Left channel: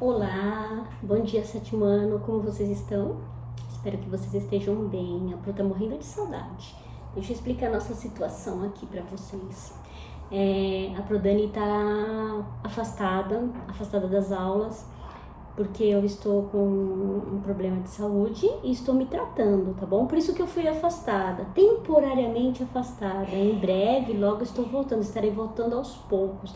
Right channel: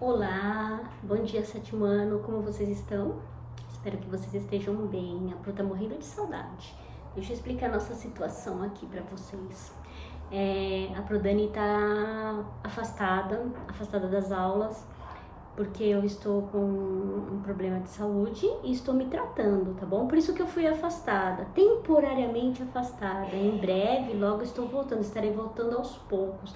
Olá, bom dia sétimo ano, como vocês estão? Espero que vocês estejam bem. A Pro tá morrendo de saudade. Deixa eu explicar a nossa situação aqui pra vocês. A Pro Dani tá afastada das aulas, porque eu estou com um problema de saúde e estou me tratando, tá bom? Por isso que eu fui afastada, temporariamente afastada. Em breve, logo estou voltando, estarei voltando aos poucos.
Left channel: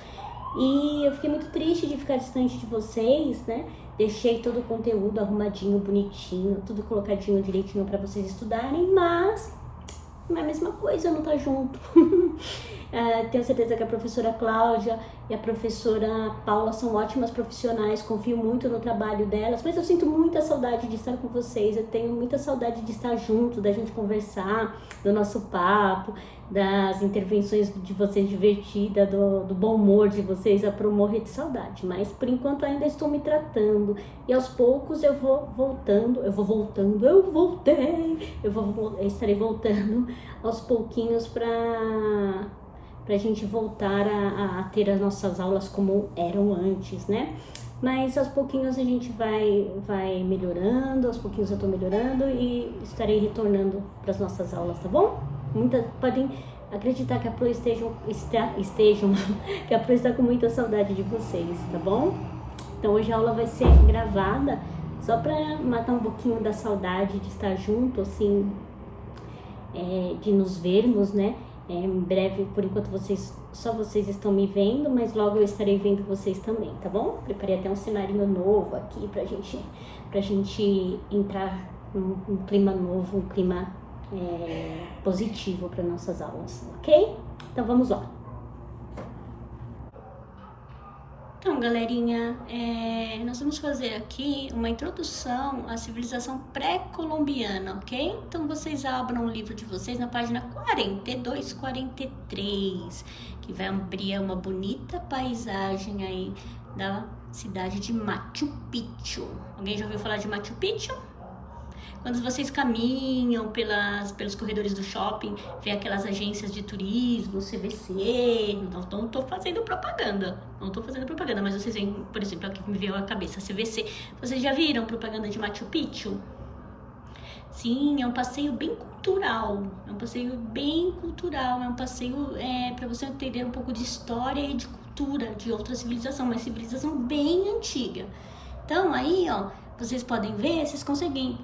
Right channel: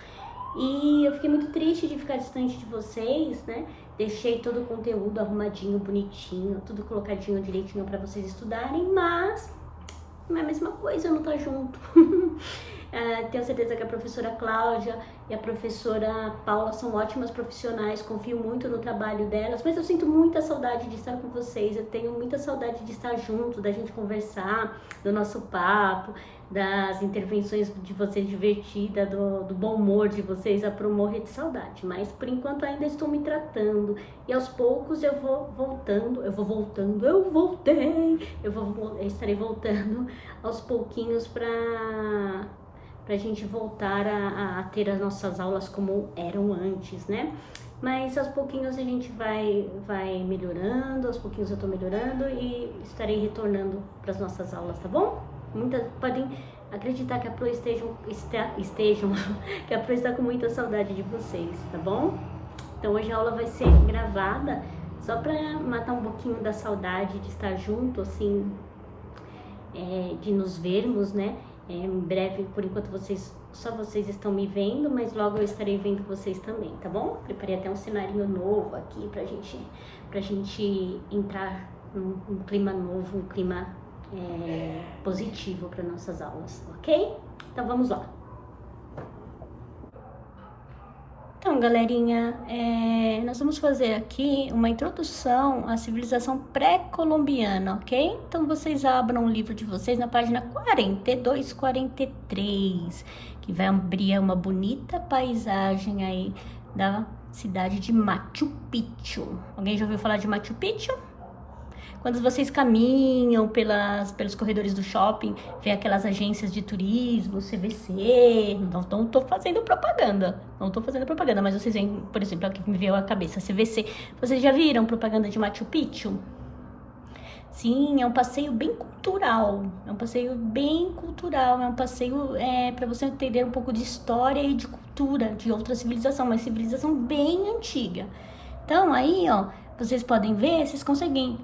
E eu fiquei muito triste de ficar distante de vocês, né? Deixei todo o conteúdo arrumadinho, bonitinho, tudo colocadinho direitinho para vocês estudarem, mas não é a mesma coisa eu não estar junto. Tenho certeza que a professora Cláudia e a professora Paula são ótimas profissionais, confio muito no trabalho delas, mas eu sinto muita saudade de estar com vocês, eu tenho muita saudade de estar junto, da gente conversar, do nosso papo, das intervenções de vocês divertidas, do bom humor de vocês, a Pro morrer de saudade, mas por enquanto ainda estou me tratando e aos poucos eu estarei voltando aos pouquinhos pra gente voltar a ter as nossas aulas como eram antes, né? Mas aos pouquinhos a gente vai melhorando, aos pouquinhos eu tô melhorando e estarei retornando para as nossas aulas, tá bom? Muitas podem acreditar que a Pro que a Pro está com muita saudade de vocês, tá bom? Então hoje a aula vai ser gravada só para matar um pouquinho da saudade de estar junto, assim, de nos vermos, né? Em breve, por enquanto só vocês estão me vendo, mas logo eu estarei vendo vocês também, tá bom? Preparei até um cenário novo aqui pra gente entrar num clima novo, um clima positivo para nossas aulas, ok? Então vamos lá. Então, galerinha, nós vamos fazer aqui uma introdução à civilização pré-colombiana, ok? Então, vocês abram o livro de vocês na página 42, 43, que vai abrir uma bonita paisagem aí da cidade de Machu Picchu. Alguém já ouviu falar de Machu Picchu? Quando vocês caminham pelos corredores do shopping, vem aquelas agências de turismo, CVC, não tô fazendo propaganda, mas vocês veem, por exemplo, aqui me veio a cabeça, CVC. Vocês já viram propaganda de Machu Picchu? Sim, é um passeio bem cultural, é um passeio para você entender um pouco de história e de cultura de outra civilização, uma civilização bem antiga. Então, aí, ó, vocês podem ver, vocês conseguem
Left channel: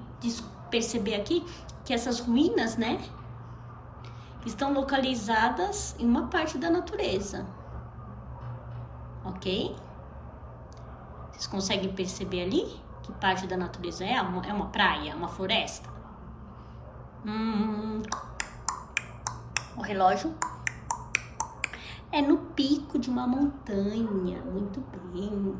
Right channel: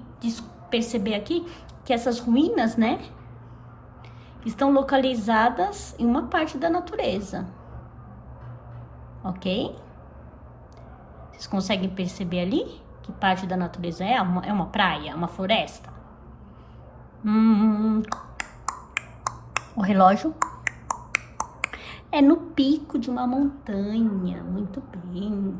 perceber aqui que essas ruínas, né, estão localizadas em uma parte da natureza, ok? Vocês conseguem perceber ali que parte da natureza é uma praia, uma floresta? O relógio é no pico de uma montanha, muito bem.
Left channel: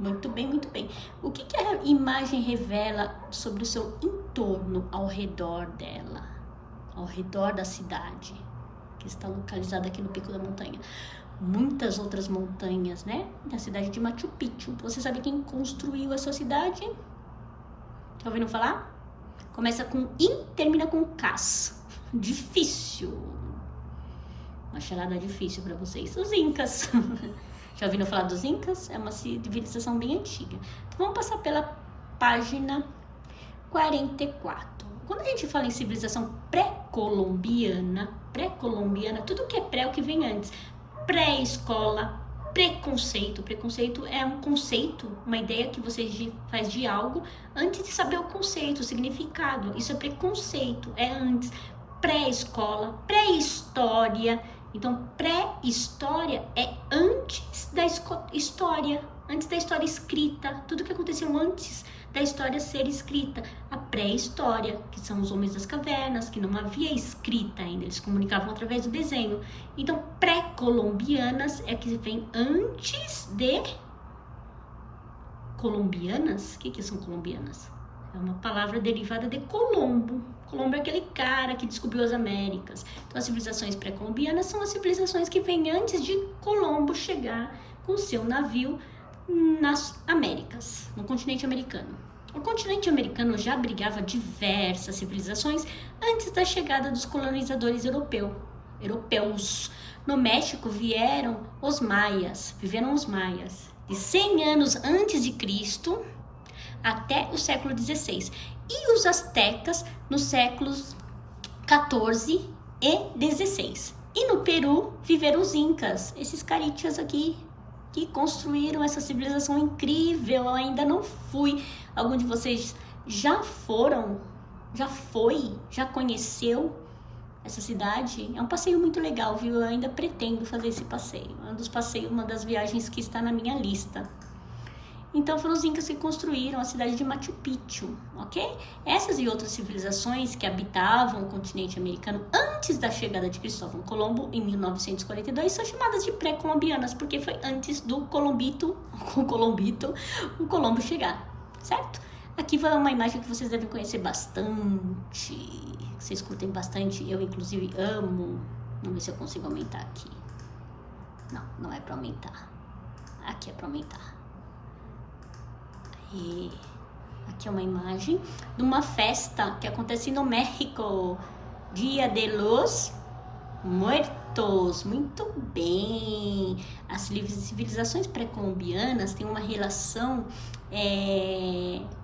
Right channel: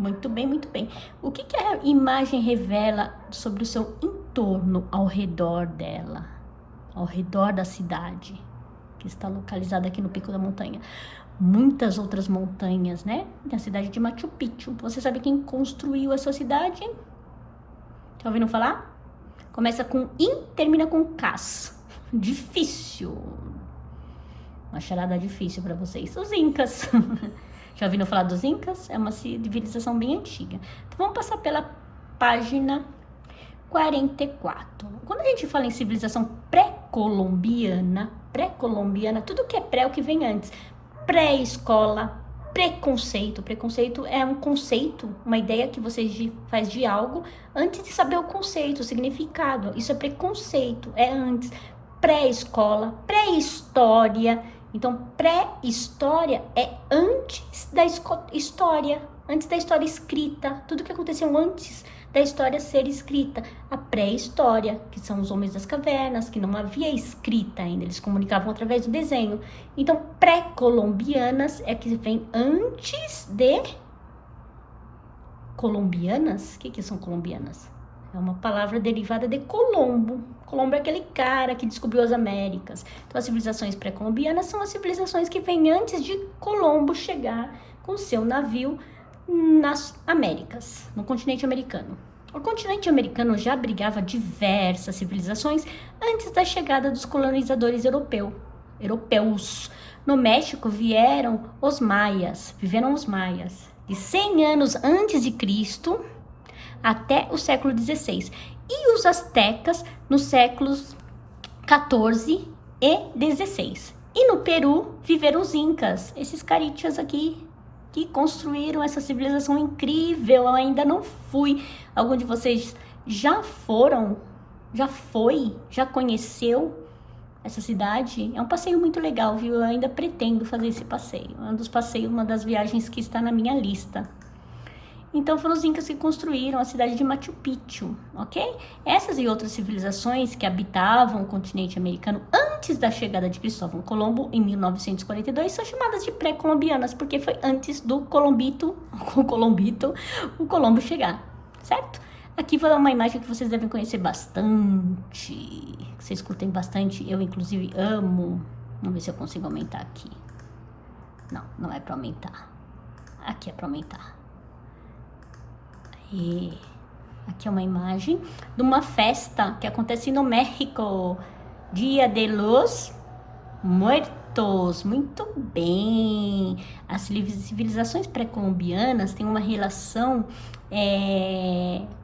Muito bem, muito bem. O que a imagem revela sobre o seu entorno ao redor dela? Ao redor da cidade, que está localizada aqui no pico da montanha. Muitas outras montanhas, né? Da cidade de Machu Picchu. Você sabe quem construiu essa cidade? Tá ouvindo falar? Começa com I, termina com Cas. Difícil. Uma charada difícil para vocês. Os Incas. Já ouviram falar dos Incas? É uma civilização bem antiga. Então vamos passar pela página 44. Quando a gente fala em civilização pré-colombiana, tudo que é pré é o que vem antes. Pré-escola, preconceito. Preconceito é um conceito, uma ideia que você faz de algo antes de saber o conceito, o significado. Isso é preconceito, é antes. Pré-escola, pré-história. Então, pré-história é antes da história escrita, tudo que aconteceu antes da história ser escrita. A pré-história, que são os homens das cavernas, que não havia escrita ainda, eles comunicavam através do desenho. Então, pré-colombianas é que vem antes de colombianas. O que são colombianas? É uma palavra derivada de Colombo. Colombo é aquele cara que descobriu as Américas. Então, as civilizações pré-colombianas são as civilizações que vêm antes de Colombo chegar com o seu navio nas Américas, no continente americano. O continente americano já abrigava diversas civilizações antes da chegada dos colonizadores europeus. No México viveram os maias. de 100 anos antes de Cristo até o século XVI. E os astecas nos séculos 14 e 16. E no Peru viveram os incas, esses carichas aqui, que construíram essa civilização incrível. Eu ainda não fui. Algum de vocês já foram? Já conheceu essa cidade? É um passeio muito legal, viu? Eu ainda pretendo fazer esse passeio. Uma das viagens que está na minha lista. Então foram os incas que construíram a cidade de Machu Picchu, ok? Essas e outras civilizações que habitavam o continente americano antes da chegada de Cristóvão Colombo em 1942 são chamadas de pré-colombianas, porque foi antes do o Colombo chegar, certo? Aqui vai uma imagem que vocês devem conhecer bastante, vocês curtem bastante, eu inclusive amo. Vamos ver se eu consigo aumentar aqui. Não, não é para aumentar. Aqui é para aumentar. E aqui é uma imagem de uma festa que acontece no México, Dia de los Muertos. Muito bem. As civilizações pré-colombianas têm uma relação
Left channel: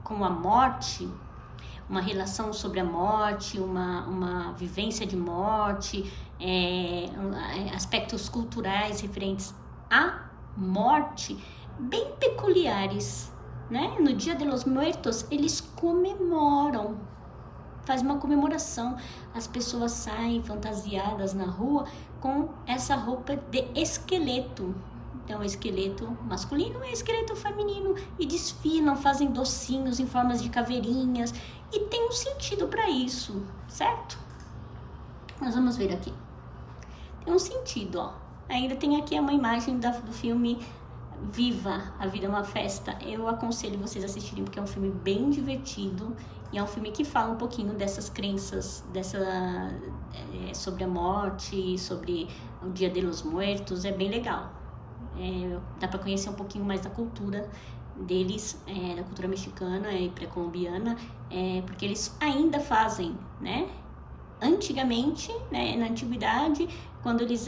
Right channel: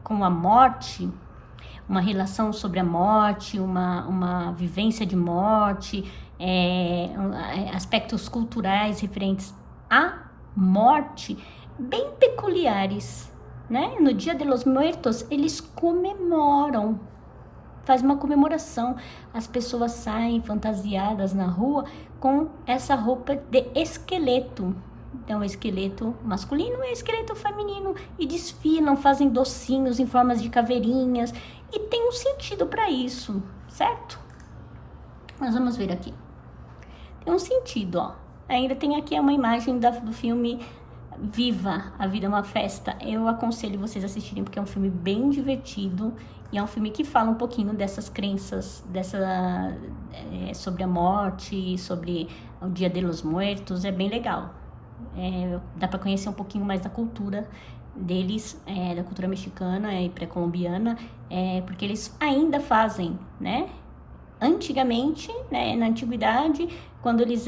com a morte, uma relação sobre a morte, uma vivência de morte, aspectos culturais referentes à morte bem peculiares. Né? No Dia de los Muertos, eles comemoram, faz uma comemoração. As pessoas saem fantasiadas na rua com essa roupa de esqueleto. Então, esqueleto masculino e esqueleto feminino. E desfilam, fazem docinhos em formas de caveirinhas. E tem um sentido para isso, certo? Nós vamos ver aqui. Tem um sentido, ó. Ainda tem aqui uma imagem do filme Viva, a Vida é uma Festa. Eu aconselho vocês a assistirem porque é um filme bem divertido e é um filme que fala um pouquinho dessas crenças, sobre a morte, sobre o Dia de los Muertos. É bem legal. Dá para conhecer um pouquinho mais da cultura deles, da cultura mexicana e pré-colombiana, porque eles ainda fazem, né? Antigamente, né, na antiguidade, quando eles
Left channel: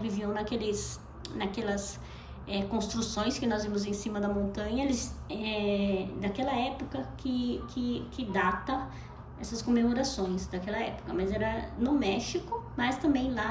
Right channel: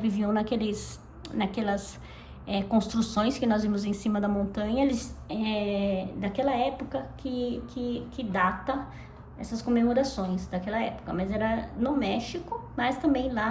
viviam naquelas construções que nós vimos em cima da montanha, eles daquela época que data essas comemorações daquela época, mas era no México, mas também lá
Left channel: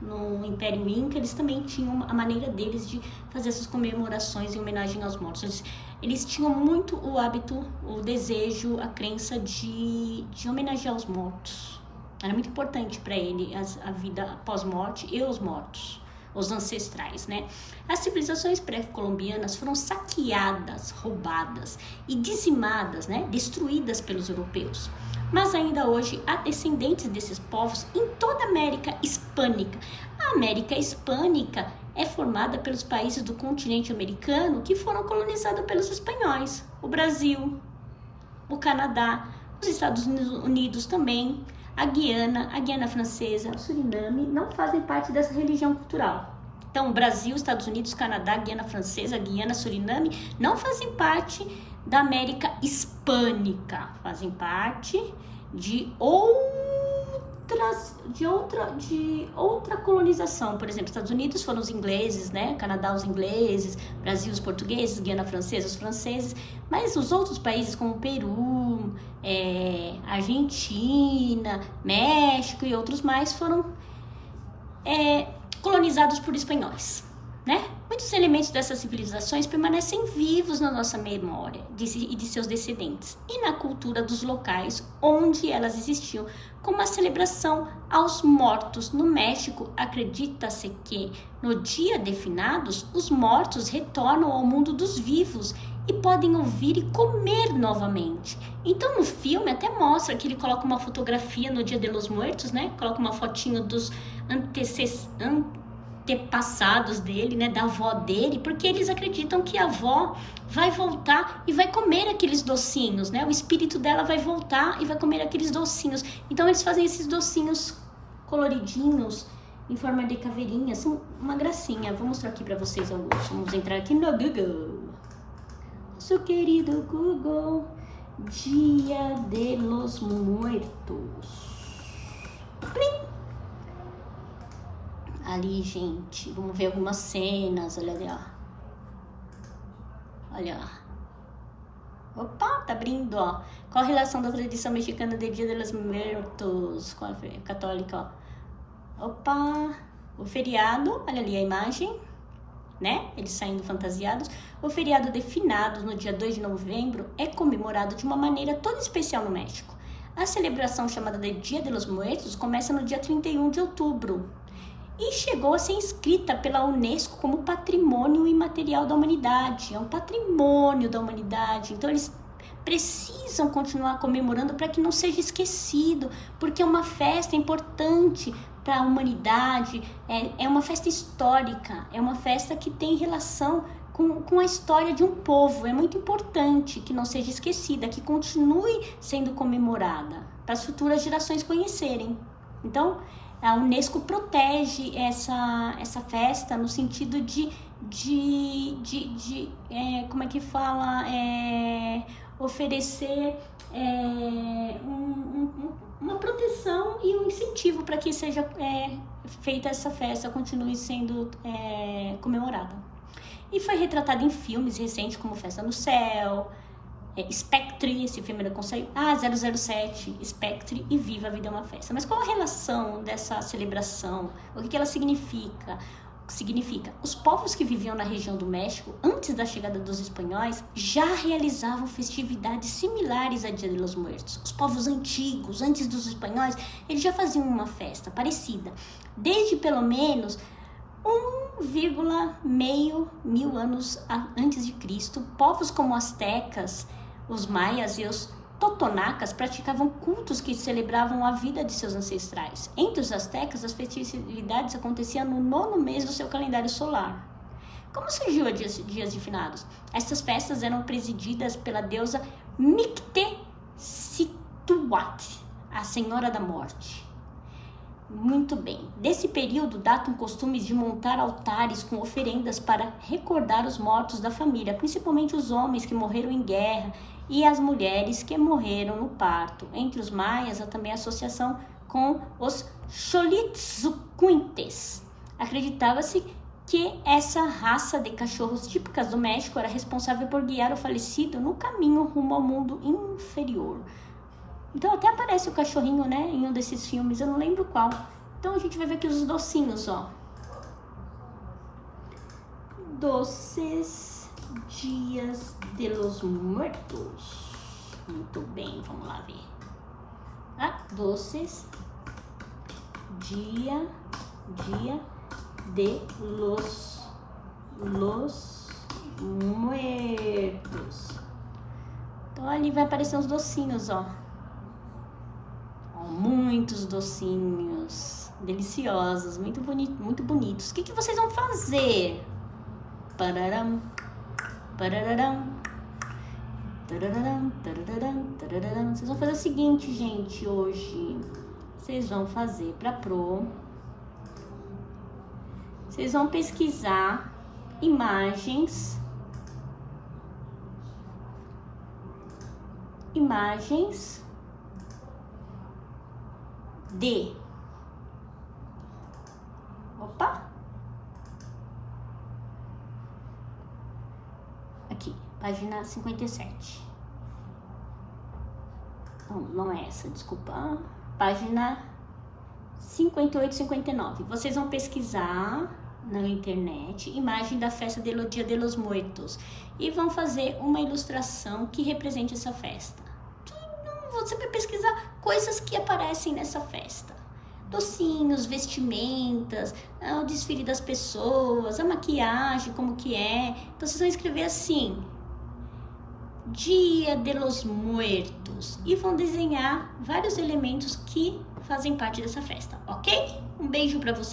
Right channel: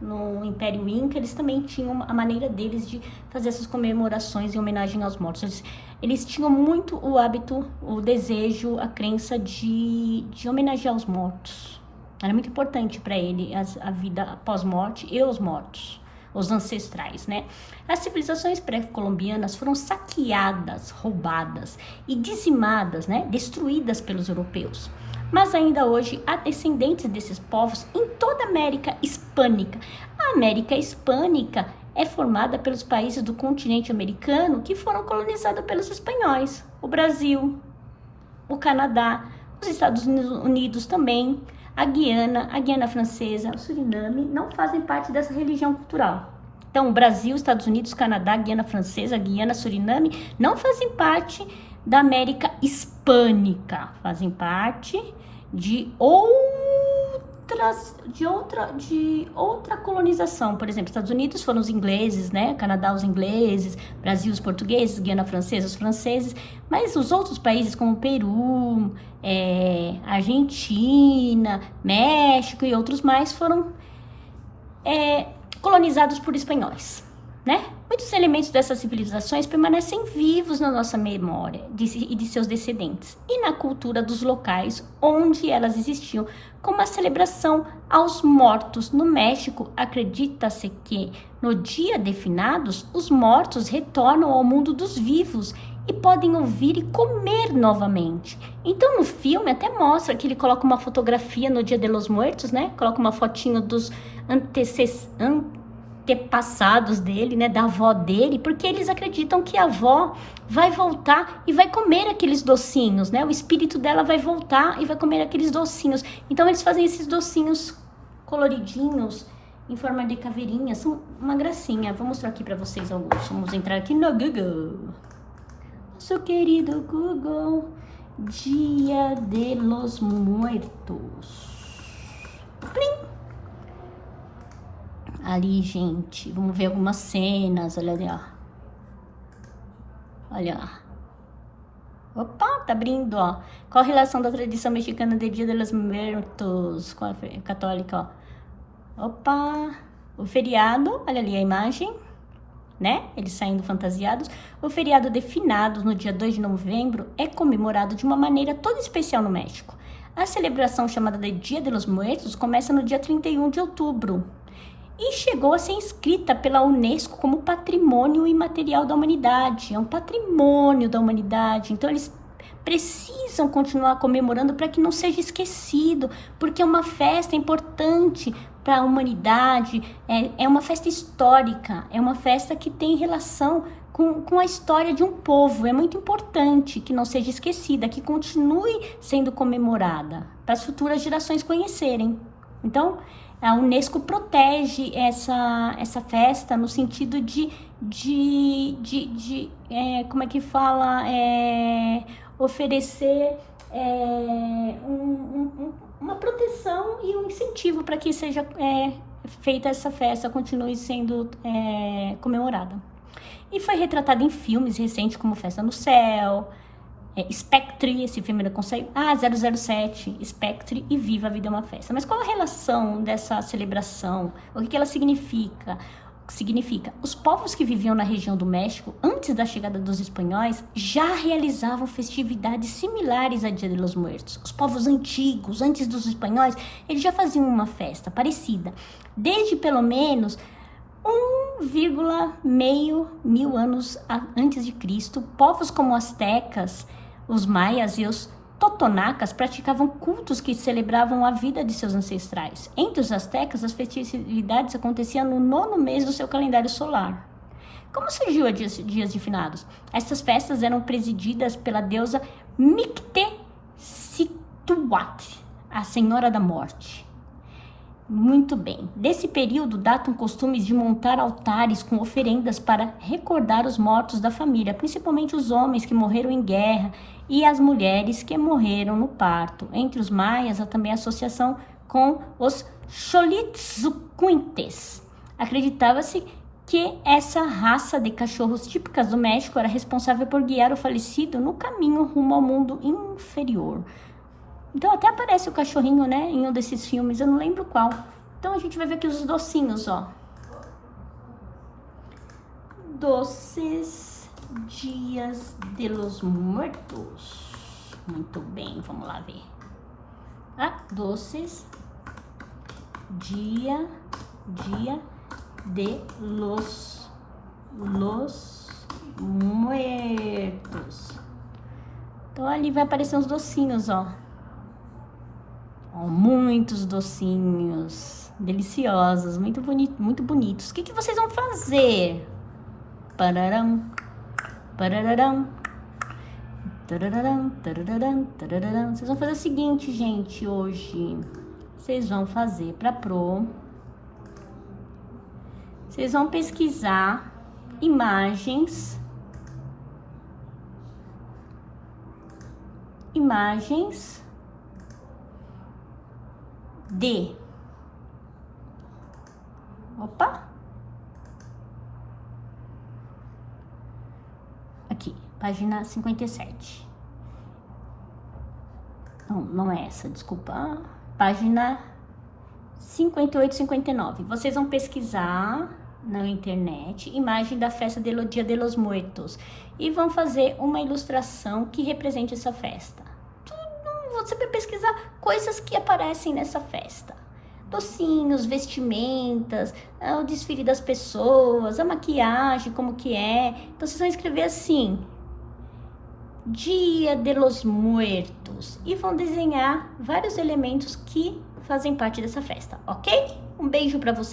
no Império Inca, eles também tinham a maneira deles de fazer essas comemorações em homenagem aos mortos. Eles tinham muito o hábito, o desejo, a crença de homenagear os mortos. Era muito importante para ele a vida após morte e os mortos, os ancestrais, né? As civilizações pré-colombianas foram saqueadas, roubadas e dizimadas, né? Destruídas pelos europeus. Mas ainda hoje há descendentes desses povos em toda a América Hispânica. A América Hispânica é formada pelos países do continente americano que foram colonizados pelos espanhóis. O Brasil, o Canadá, os Estados Unidos também, a Guiana Francesa, o Suriname não fazem parte dessa religião cultural. Então, o Brasil, Estados Unidos, Canadá, Guiana Francesa, Guiana, Suriname não fazem parte da América Hispânica, fazem parte de outra colonização. Por exemplo, Estados Unidos foram os ingleses, né? Canadá, os ingleses, Brasil, os portugueses, Guiana Francesa, os franceses, mas os outros países como Peru, Argentina, México e outros mais foram colonizados por espanhóis, né? Muitos elementos dessas civilizações permanecem vivos na nossa memória e de seus descendentes e na cultura dos locais onde elas existiam, como a celebração aos mortos. No México, acredita-se que no dia de finados, os mortos retornam ao mundo dos vivos e podem ouvir e comer novamente. Então, no filme até mostra que ele coloca uma fotografia no Dia de los Muertos, né? Coloca uma fotinho dos antepassados dele, né? Da avó dele, porque eles acreditam que a avó vai voltar e vai comer aqueles docinhos, né? O espírito dela vai voltar e vai comer aqueles docinhos. Então, eles fazem esses docinhos coloridinhos em forma de caveirinha, são uma gracinha. Vou mostrar aqui pra vocês alguns. Vamos entrar aqui no Google. Seu querido Google, Dia de los Muertos. Plim. Ali, gente, vamos ver algumas cenas, olha ali, ó. Olha lá. Opa, tá abrindo, ó. Qual a relação da tradição mexicana de Dia de los Muertos com a católica, ó? Opa, o feriado, olha ali a imagem, né? Eles saindo fantasiados. O feriado de finados, no dia 2 de novembro, é comemorado de uma maneira toda especial no México. A celebração chamada de Dia de los Muertos começa no dia 31 de outubro e chegou a ser inscrita pela Unesco como Patrimônio Imaterial da Humanidade. É um patrimônio da humanidade, então eles precisam continuar comemorando para que não seja esquecido, porque é uma festa importante para a humanidade, é uma festa histórica, é uma festa que tem relação com a história de um povo. É muito importante que não seja esquecida, que continue sendo comemorada, para as futuras gerações conhecerem. Então, a Unesco protege essa festa no sentido como é que fala, oferecer uma proteção e um incentivo para que seja feita essa festa, continue sendo comemorada. E foi retratada em filmes recentes como Festa no Céu, Spectre, esse filme não consegue. 007, Spectre e Viva a Vida é uma Festa. Mas qual a relação dessa celebração? O que ela significa? Os povos que viviam na região do México, antes da chegada dos espanhóis, já realizavam festividades similares a Dia de los Muertos. Os povos antigos, antes dos espanhóis, eles já faziam uma festa parecida. Desde pelo menos 1,5 mil anos antes de Cristo, povos como astecas, os maias e os totonacas praticavam cultos que celebravam a vida de seus ancestrais. Entre os astecas, as festividades aconteciam no 9º mês do seu calendário solar. Como surgiu a dias de finados? Essas festas eram presididas pela deusa Mictecituatl, a Senhora da Morte. Muito bem. Desse período datam costumes de montar altares com oferendas para recordar os mortos da família, principalmente os homens que morreram em guerra e as mulheres que morreram no parto. Entre os maias, há também associação com os Xolitzcuintes. Acreditava-se que essa raça de cachorros típicas do México era responsável por guiar o falecido no caminho rumo ao mundo inferior. Então até aparece o cachorrinho, né, em um desses filmes, eu não lembro qual. Então a gente vai ver aqueles docinhos, ó. Doces Dias de los Muertos. Muito bem, vamos lá ver. Doces Dia de los Muertos. Então ali vai aparecer uns docinhos, ó. Muitos docinhos deliciosos, muito bonitos. O que vocês vão fazer? Pararam, pararam, tararam, tararam, tararam. Vocês vão fazer o seguinte, gente, hoje. Vocês vão fazer para pro. Vocês vão pesquisar imagens de aqui, página 57. Não é essa, desculpa. Página 58 e 59. Vocês vão pesquisar na internet imagem da festa do Dia de los Muertos e vão fazer uma ilustração que represente essa festa. Você vai pesquisar coisas que aparecem nessa festa. Docinhos, vestimentas, o desfile das pessoas, a maquiagem, como que é. Então vocês vão escrever assim, Dia de los Muertos, e vão desenhar vários elementos que fazem parte dessa festa, ok? Um beijo pra vocês.